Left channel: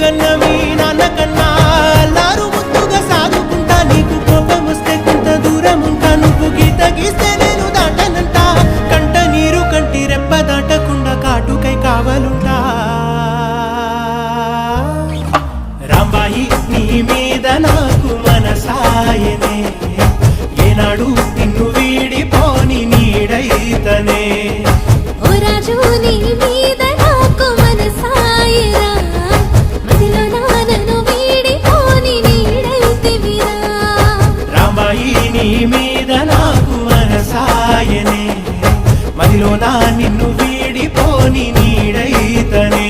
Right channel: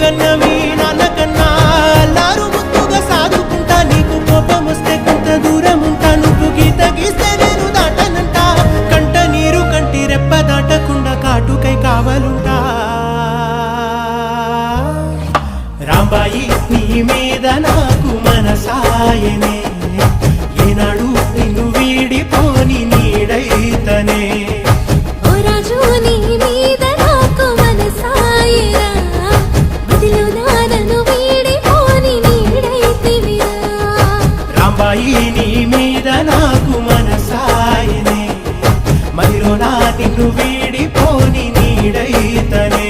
గన్నవి నాన్న కన్నా అల్లారు ముద్దుగా సాదుకుంటా నీకు కోపం వస్తే కొంత దూరం ఉంటా నువ్వు గీత గీస్తే నేను దాటనంట కంట నీరు కంటి రెప్ప దాటకుండా కాటుకై కావలుంటా రాంబాయి నీ మీద నాకు మనసాయనే ఏనాడు నిన్ను వీడిపోని నీడైతనే రాంబాయి నీ మీద నాకు మనసాయనే మదిలో నా నిన్ను వీడిపోని నీడైతనే